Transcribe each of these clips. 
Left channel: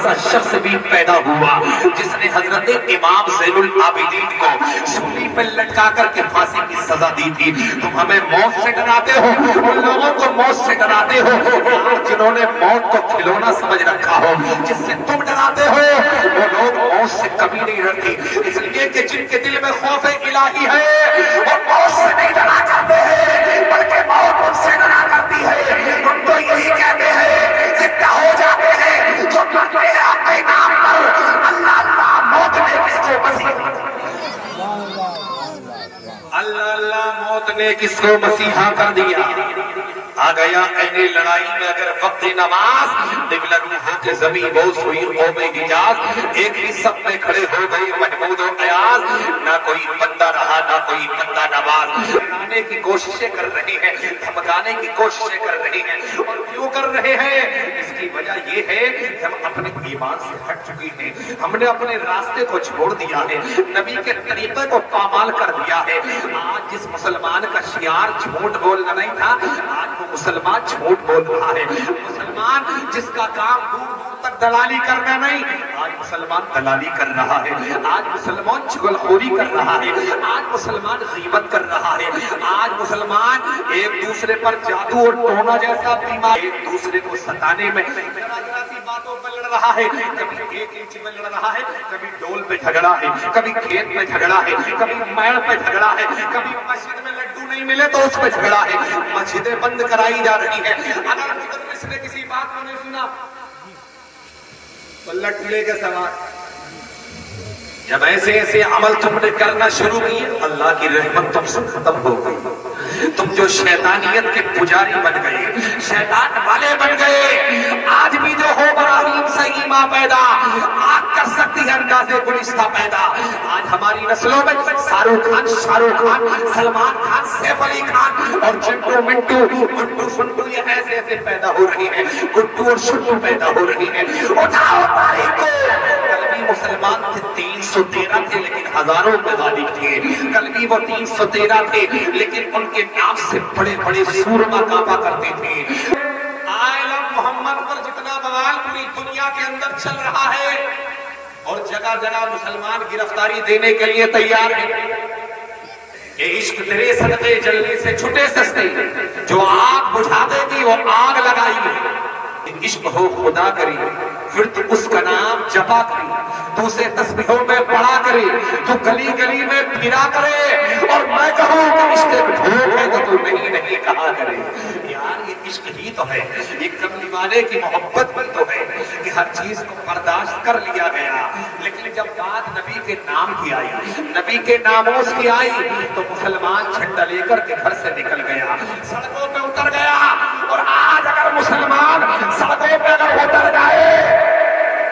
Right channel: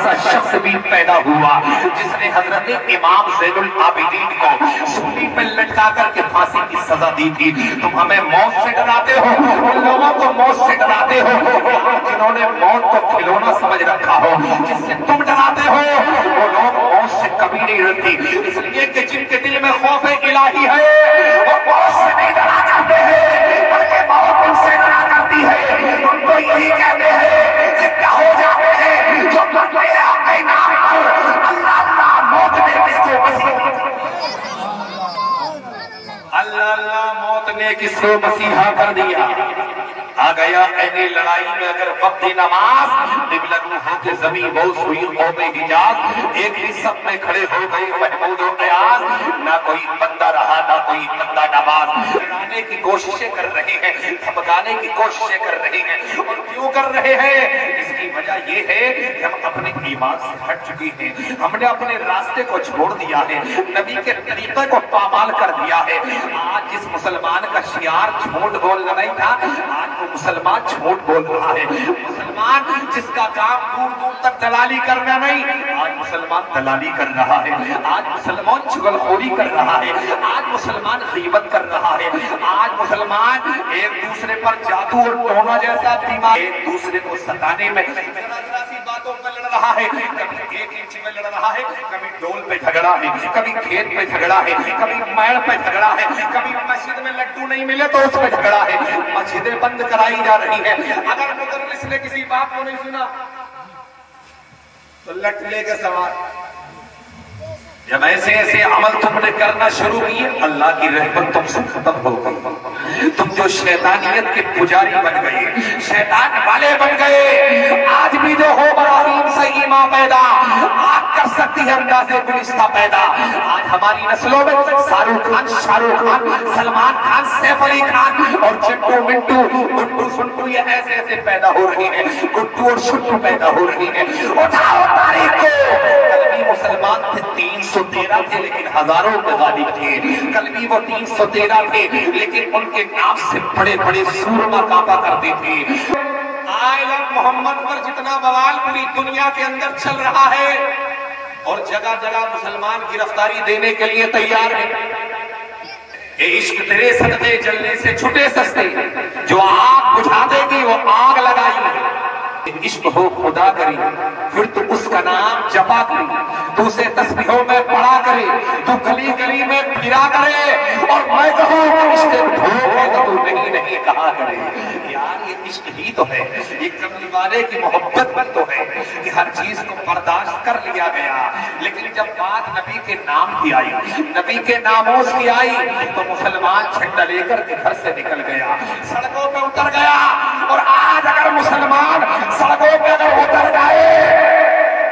ऐसा शख्स भी पैदा हुआ जिसने हजरत इमाम ज़ैनुल आबिदीन को सूली पर लटका करके फांसी की सजा दी थी। तुम हमें मौत से डराते हो, उन लोगों को मौत से डराते हो जिन्होंने मौत को खिलौना समझ रखा हो। जिससे तुम डराते हो वो लोग मौत से कभी नहीं डरते, इसलिए कि जिनके दिल में खौफ इलाही है वो मौत से नहीं डरा करते हैं, बल्कि मौत उनसे डरा करती है। उनको यही कहते हैं जिंदा हो जाते हैं जो मरते हैं आपके नाम पर। अल्लाह अल्लाह मौत ने किसको अल्लाह अल्लाह मौत ने किसको मसीहा कर दिया। आ गया ऐने लड़ाई में अगर वक्त नमाज होके जमीन बहुत हुई कौमे हिजाज। एक ही सब में खड़े हो गए महमूद और क़यास, ना कोई बंदा रहा ना कोई बंदा नमाज। धमकाने की कोशिशें कर रहे हैं, धमकाने की कोशिशें कर रहे हैं। और क्यों कर रहे हैं? इसकी वजह ये है कि हम अपने ईमान से हट चुके हैं, हमने अपने रास्ते को छोड़ दिया है, नबी के तरीके को पामाल कर दिया है। आज जिस मुसलमान का शियार झूठ बोलना नहीं था, आज वो मुसलमान झूठ बोल रहा है। मुसलमान जिसका काम दूर दूर तक दलाली करना नहीं, आज मुसलमान दलाली कर रहा है। आज मुसलमान चुगलखोरी कर रहा है, आज मुसलमान गीबत कर रहा है, आज मुसलमान एक दूसरे पर जादू और टोना जैसा दिमाग, एक दूसरे को सताने में बातों पर लड़ रहा है। कभी 1 इंच में लड़ रहा है, कभी डोल पे झगड़ा है, कभी खेत में झगड़ा है, कभी मैड़ पे झगड़ा है, कभी मस्जिद में लड्डू नहीं मिले तो उस पर झगड़ा है। मस्जिदें बंद कराई जा रही है। अगर मुदर्रिस ने किसी बात को नहीं सुना तो लटले के सवाल। जब ऐसे ऐसे अमल तुमने करना शुरू किए, अल्लाह की रहमत तुमसे खत्म हो गई। तुम जो शैतानियत के पुजारी बन गए, शैतान वाले बन गए। आज भी जो हो इब्राहीम से ईमा पैदा, आग कर सकती है अंदाज़े गुलिस्ता पैदा। आज हमारी नस्लों में शाहरुख खान, सलमान खान, सैफ अली खान और चिंटू मिंटू, गुड्डू सुंटू, ये ऐसे ऐसे पैदा हो रहे हैं। गुड्डू और शुट्टू पैदा हो रहे हैं। उठाओ तारीख को। मुसलमान थे 313 थे लेकिन हजारों में गालिब थे। कल भी वो 313 थे लेकिन उनके नाम से बड़े बड़े सूरमा कांपा करते थे। आलम मोहम्मद पर जितना बवाल पूरी दुनिया के अंदर चल रहा है और जगह जगह मुसलमान गिरफ्तारी देने के लिए तैयार है। ये इश्क तेरे सदके जलने से छुटे सस्ते, जो आग बुझा देगी वो आग लगाई। इश्क हो खुदा करी फिर तो उसका नाम जपा करी, तू उसे तस्बीहों में पढ़ा करे, तू गली गली में फिरा करे। और मैं कहूँ कि इश्क भूख है तो तू नहीं कहा करे। यार ये इश्क ही तो है, ये कमली वाले की मोहब्बत भी तो है कि हर चीज को बर्दाश्त कर लिया गया। लेकिन जब बात नबी के नाम की आई, नबी के नामोस की आई, तो मुसलमान झंडा लेकर के घर से निकल गया, सड़कों पे उतर गया। और आज अगर मुसलमान सड़कों पे अगर उतर जाए,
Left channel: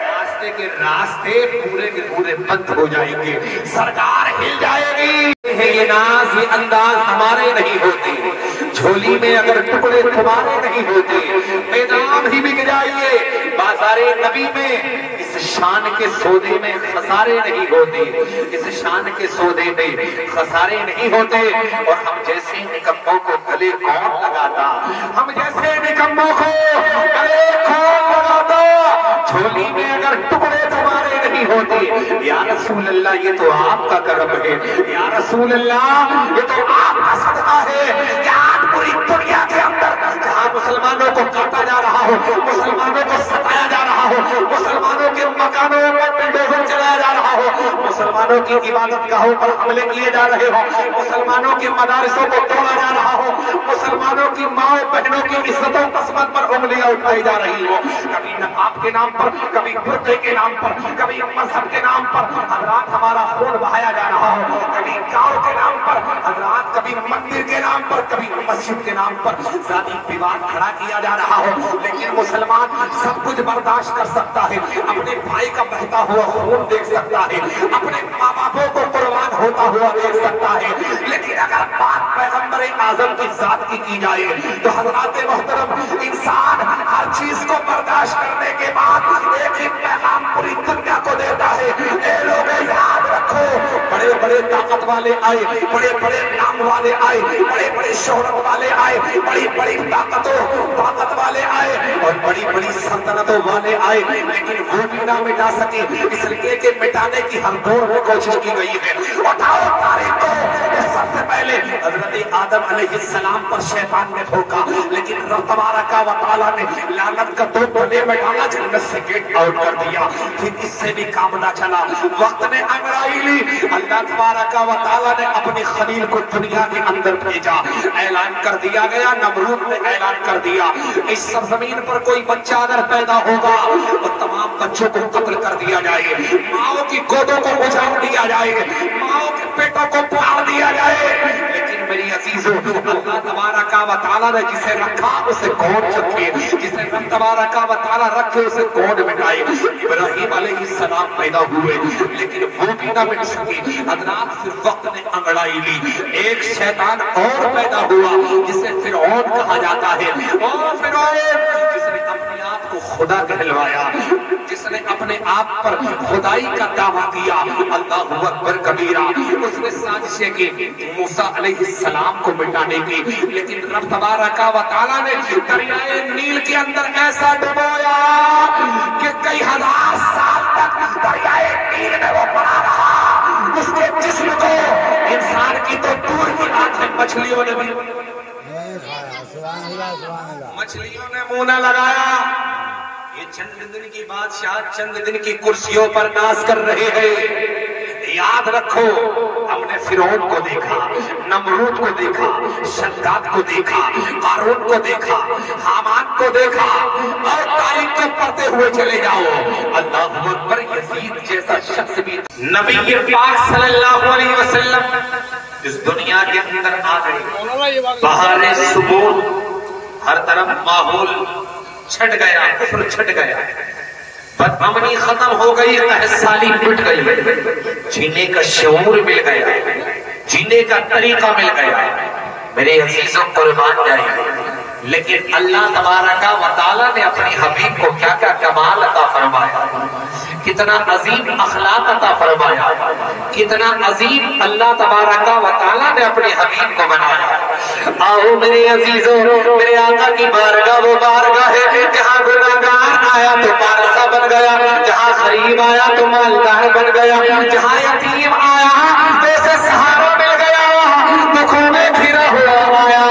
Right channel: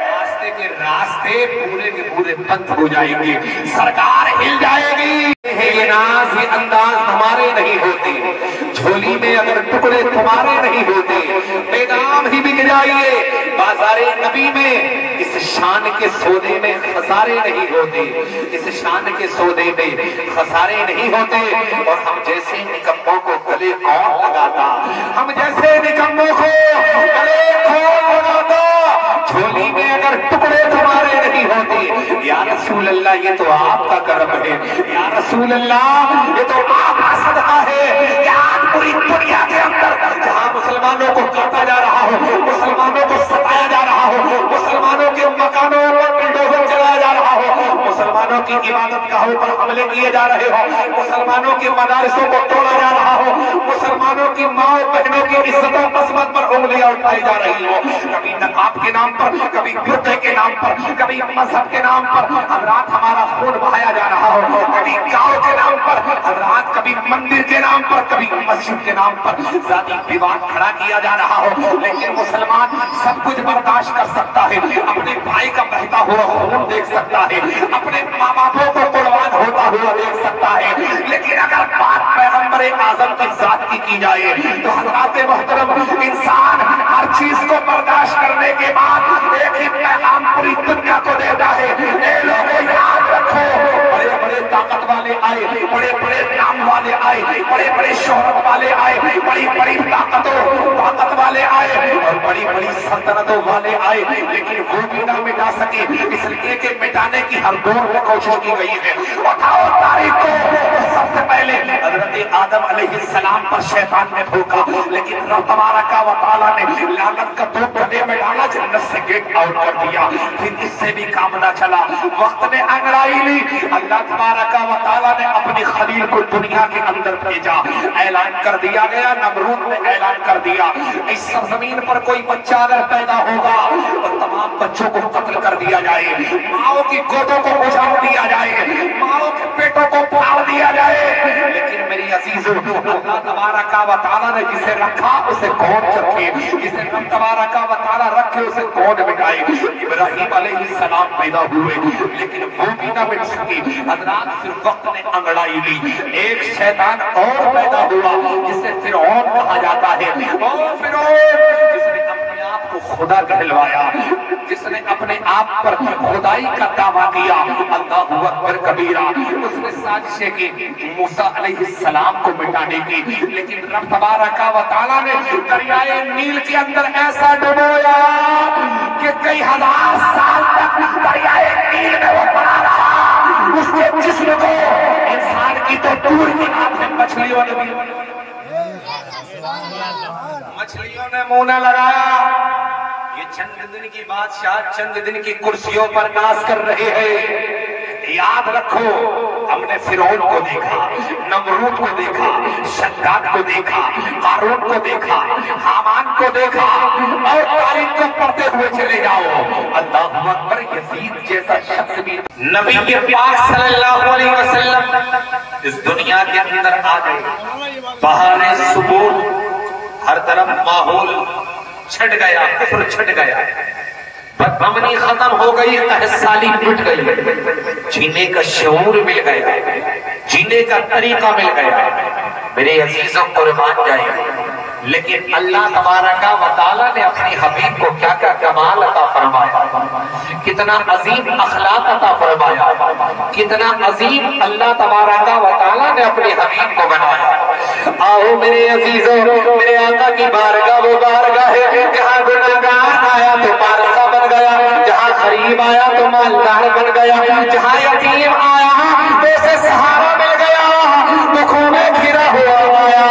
रास्ते के रास्ते पूरे के पूरे बंद हो जाएंगे, सरकार हिल जाएगी। ये नाज ये अंदाज हमारे नहीं होते, झोली में अगर टुकड़े तुम्हारे नहीं होते, बेदाम ही बिक जाइए बाजारे नबी में। इस शान के सौदे में खसारे नहीं होते, इस शान के सौदे में खसारे नहीं होते। और हम जैसे निकम्मों को गले कौन लगाता, हम जैसे निकम्मों को गले कौन लगाता। झोली में अगर टुकड़े तुम्हारे नहीं होते, या रसूल अल्लाह ये तो आपका करम है, या रसूल अल्लाह ये तो आपका सदका है। क्या आज पूरी दुनिया के अंदर जहाँ मुसलमानों को काटा जा रहा हो, मुसलमानों को सताया जा रहा हो, मुसलमानों के मकानों पर बुलडोजर चलाया जा रहा हो, मुसलमानों की इबादत गाहों पर हमले किए जा रहे हो, मुसलमानों के मदारसों को तोड़ा जा रहा हो, मुसलमानों की माओ बहनों की इज्जतों किस्मत पर उंगलियां उठाई जा रही हो, कभी नकाब के नाम पर, कभी बुर्के के नाम पर, कभी मजहब के नाम पर हजरात हमारा खून बहाया जा रहा हो, कभी गांव के नाम पर हजरात, कभी मंदिर के नाम पर, कभी मस्जिद के नाम पर जाति विवाद खड़ा किया जा रहा हो। लेकिन मुसलमान सब कुछ बर्दाश्त कर सकता है, अपने भाई का बहता हुआ खून देख सकता है, अपने माँ बापों को कुर्बान होता हुआ देख सकता है। लेकिन अगर बात पैगंबर आजम की जात की जाए तो हजरात मोहतरम, इंसान हर चीज को बर्दाश्त करने के बाद एक ही पैगाम पूरी दुनिया को देता है। ये लोगों याद रखो, बड़े बड़े ताकत वाले आए, बड़े बड़े नाम वाले आए, बड़े बड़े शोहरत वाले आए, बड़ी बड़ी ताकत वाले आए और बड़ी बड़ी सल्तनतों वाले आए, लेकिन वो भी ना मिटा सके, इसलिए कि मिटाने की हर दौर में कोशिश की गई है। उठाओ तारीख को, तो सबसे पहले हजरत आदम अलैहिस्सलाम पर शैतान ने धोखा, लेकिन रब तबारक व तआला ने लानत का दो टुकड़े में डाला, जन्नत से गेट आउट कर दिया। फिर इससे भी काम न चला, वक्त ने अंगड़ाई ली, अल्लाह तबारक व तआला ने अपनी खलील को दुनिया के अंदर भेजा, ऐलान कर दिया गया, नमरूद ने ऐलान कर दिया, इस जमीन पर कोई बच्चा अगर पैदा होगा तो तमाम बच्चों को कत्ल कर दिया जाए, माओ की गोदों को उछाल दिया जाए, माओ के पेटों को फाड़ दिया जाए। लेकिन मेरी अजीजों, अल्लाह तबारक व तआला ने जिसे रखा उसे कौन रखे, जिसे तबारक व तआला रखे उसे कौन मिटाए। इब्राहिम अलैहिस्सलाम पैदा हुए, लेकिन वो भी ना मिट सके। हजरात, फिर वक्त ने अंगड़ाई ली, एक शैतान और पैदा हुआ जिसे फिरौन कहा जाता है, और फिरौन जिसने अपने आप को खुदा कहलवाया, जिसने अपने आप पर खुदाई का दावा किया, अल्लाहु अकबर कबीरा, उसने साजिशें की मूसा अलैहिस्सलाम को मिटाने की, लेकिन रब तबारक व तआला ने दरियाए नील के अंदर ऐसा डुबोया कि कई हजार साल तक दरियाए नील में वो पड़ा रहा। उसके जिस्म को इंसान की तो दूर की बात है, मछलियों ने मुंह न लगाया। ये चंद दिन की बादशाह चंद दिन की कुर्सियों पर नाज कर रहे हैं। याद रखो, हमने फिरौन को देखा, नमरूद को देखा, शद्दाद को देखा, कारून को देखा, हामान को देखा, और तारीख को पढ़ते हुए चले जाओ। अल्लाहु अकबर, यजीद जैसा शख्स भी नबी के पाक सल्लल्लाहु अलैहि वसल्लम इस दुनिया के अंदर आ गए। बहारे सुबह हर तरफ माहौल छट गया, कुफ्र छट गया, बदअमनी खत्म हो गई, तहसाली मिट गई, जीने का शऊर मिल गया, जीने का तरीका मिल गया। मेरे अजीजों कुर्बान जाए, लेकिन अल्लाह तबारक व तआला ने अपनी हबीब को क्या क्या कमाल अता फरमाया, कितना अजीम अखलाक अता फरमाया, कितना अजीम अल्लाह तबारक व तआला ने अपने हबीब को बनाया। आओ मेरे अजीजों, मेरे आका की बारगाह वो बारगाह है जहाँ गुनाहगार आया तो पारसा बन गया, जहाँ गरीब आया तो मालदार बन गया, जहाँ यतीम आया तो उसे सहारा मिल गया, दुखों में घिरा हुआ आया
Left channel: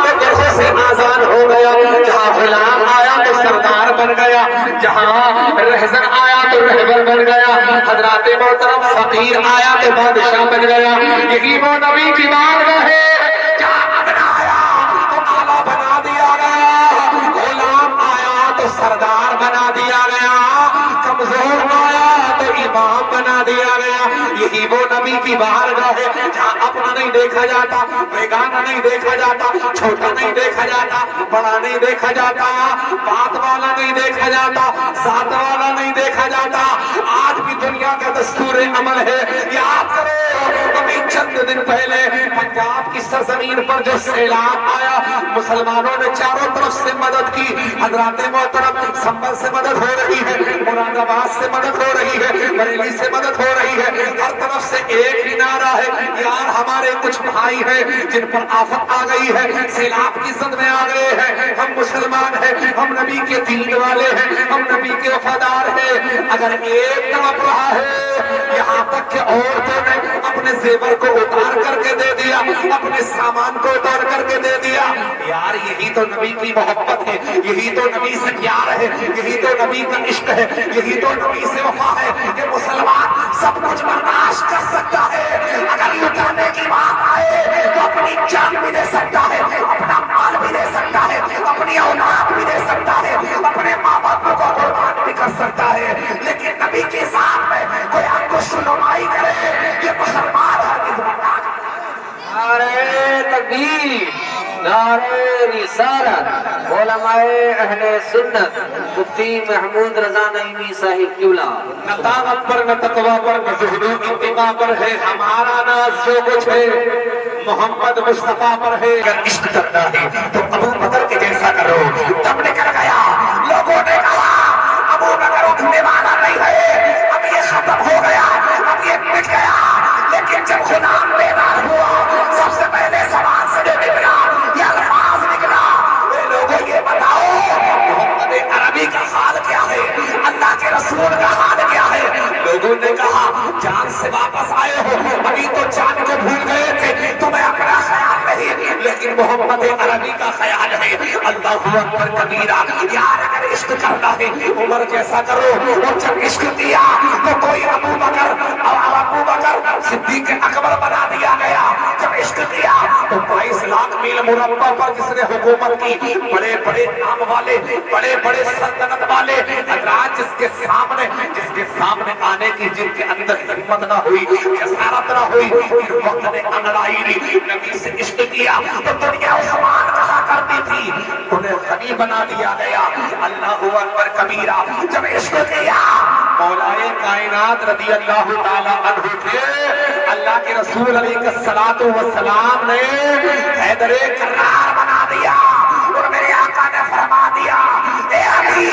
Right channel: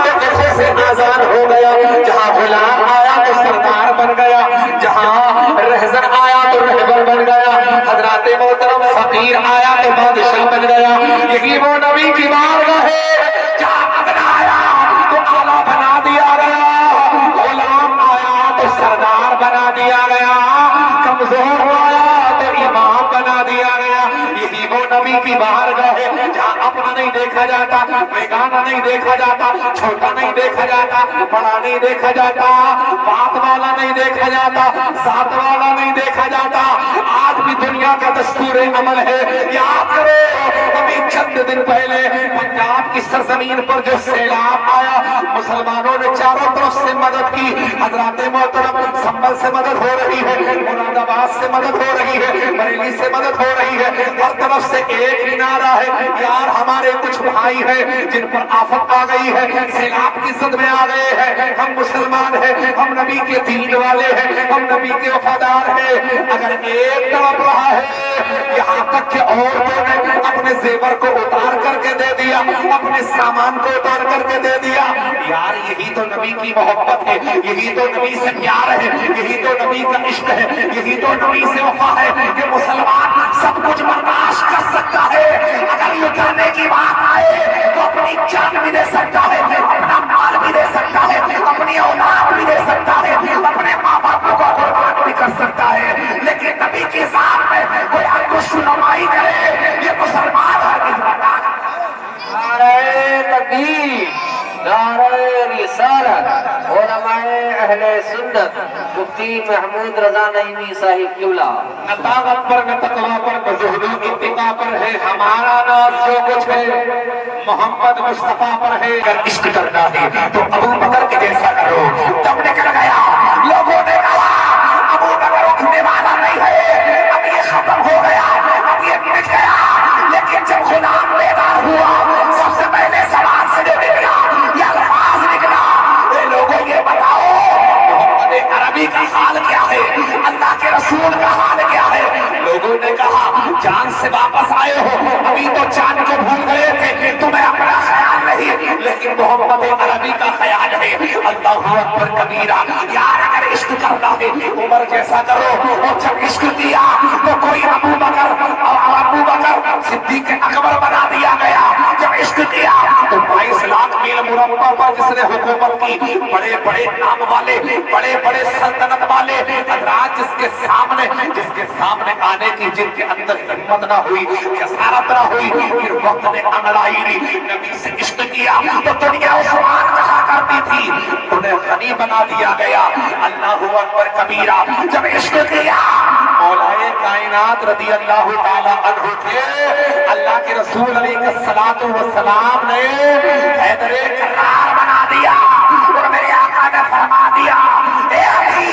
तो दुखों से आजाद हो गया, जहाँ गुलाम आया तो सरदार बन गया, जहाँ रहजन आया तो रहबर बन गया, हजरात मोहतरम फकीर आया तो बादशाह बन गया। यही वो नबी की बारगाह है जहाँ अदना आया तो आला बना दिया गया, गुलाम आया तो सरदार बना दिया गया, कमजोर आया तो इमाम बना दिया गया। यही वो नबी की बारगाह है जहाँ अपना नहीं देखा जाता, बेगाना नहीं देखा जाता, छोटा नहीं देखा जाता, बड़ा नहीं देखा जाता, बात वाला नहीं देखा जाता, साथ वाला नहीं देखा जाता। आज भी दुनिया का दस्तूर अमल है। याद करो, अभी चंद दिन पहले पंजाब की सरजमीन पर जो सैलाब आया, मुसलमानों ने चारों तरफ से मदद की। हजरात मोहतरम, संभल से मदद हो रही है, मुरादाबाद से मदद हो रही है, बरेली से मदद हो रही है, हर तरफ से एक ही नारा है, यार हमारे कुछ भाई हैं जिन पर आफत आ गई है, सैलाब की जद में आ गए हैं, हम मुसलमान हैं, हम नबी के दीन वाले हैं, हम नबी के वफादार हैं। अगर एक तरफ रहा है, यहाँ तक कि औरतों ने अपने जेवर को उतार करके दे दिया, अपने सामान को उतार करके दे दिया। यार यही तो नबी की मोहब्बत है, यही तो नबी से प्यार है, यही तो नबी का इश्क है, यही तो नबी से वफा है कि मुसलमान सब कुछ बर्दाश्त कर सकता है। अगर लुटाने की बात आए तो अपनी जान भी दे सकता है, अपना माल भी दे सकता है, अपनी औलाद भी दे सकता है, अपने माँ बाप को कुर्बान भी कर सकता है। लेकिन नबी के साथ में कोई आपको शुनुमाई करे, ये मुसलमान हरगिज़ बर्दाश्त नहीं। नारे तकबीर, नारे रिसालत, उलमाए अहले सुन्नत, मुफ्ती महमूद रजा नईमी साहिब किबला। न ताकत पर, न तकवा पर, न ज़ुहूर इत्तिबा पर है हमारा नाज, जो कुछ है मोहम्मद मुस्तफा पर है। अगर इश्क करना है तो अबू बकर के जैसा करो। तब निकल गया, लोगों ने कहा अबू बकर उठने वाला नहीं है, अब ये खत्म हो गया, अब ये मिट गया। लेकिन जब खुदा लोगों ने कहा जान से वापस आए हो, अभी तो जान को भूल गए थे, तुम्हें अपना ख्याल नहीं, लेकिन मोहम्मद अरबी का ख्याल है। अल्लाहू अकबर कबीरा। यार अगर इश्क करना है उमर जैसा करो, और जब इश्क किया तो कोई अबू बकर सिद्दीक अकबर बना दिया गया। जब इश्क किया तो 22 लाख मील मुरब्बा पर जिसने हुकूमत की, बड़े बड़े नाम वाले, बड़े बड़े सल्तनत वाले राज जिसके सामने आने की, जिनके अंदर हिम्मत ना हुई, जसारत ना हुई, फिर वक्त ने अंगड़ाई ली, नबी से इश्क किया तो दुनिया उस्मान कहा करती थी, उन्हें गनी बना दिया गया। अल्लाहू अकबर कबीरा। जब इश्क किया मौलाए कायनात रज़ी अल्लाह ताला अन्हु थे, अल्लाह के रसूल अलैहिस्सलातु वस्सलाम ने हैदरे करार बना दिया, और मेरे आका ने फरमा दिया, ए अली,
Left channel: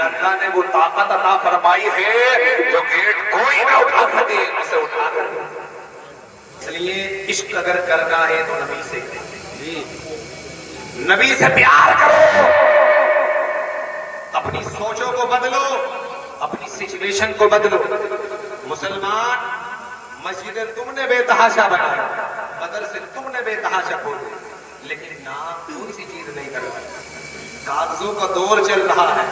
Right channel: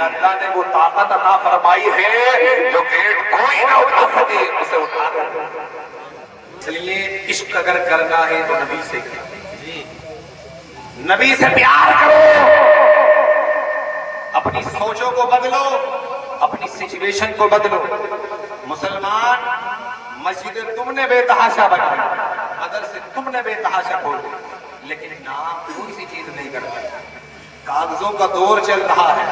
अल्लाह ने वो ताकत अता फरमाई है जो गेट कोई न उठा सके, उसे उठा दो। इसलिए इश्क अगर करना है तो नबी से करो, नबी से प्यार करो, अपनी सोचों को बदलो, अपनी सिचुएशन को बदलो। मुसलमान मस्जिद तुमने बेतहाशा बनाया, मदरसे तुमने बेतहाशा खोले, लेकिन नाम कोई सी चीज नहीं करवाई। कागजों का दौर चल रहा है,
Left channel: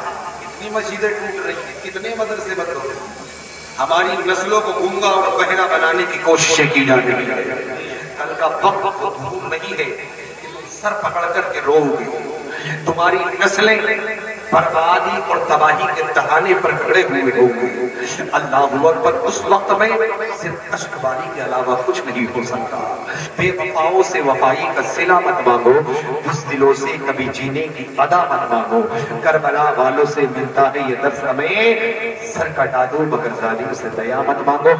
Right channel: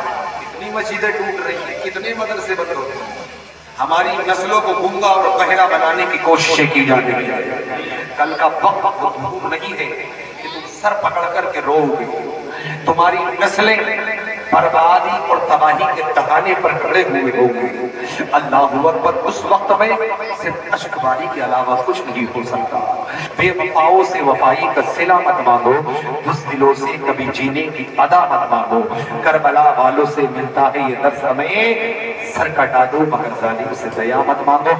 इतनी मस्जिदें टूट रही हैं, कितने मदरसे बंद हो रहे हैं, हमारी नस्लों को गूंगा और बहरा बनाने की कोशिशें की जा रही है। कल का वक्त धूम नहीं है कि तुम सर पकड़ करके रोओगे, तुम्हारी नस्लें बर्बादी और तबाही के दहाने पर खड़े हुए होंगे। अल्लाहू अकबर। उस वक्त में सिर्फ अश्कबारी के अलावा कुछ नहीं हो सकता। बेवफाओं से वफाई का सिला मत मांगो, बुज़दिलों से कभी जीने की अदा मत मांगो। करबला वालों से मिलता है ये दर्स हमें, सर कटा दो मगर जालिम से दया मत मांगो।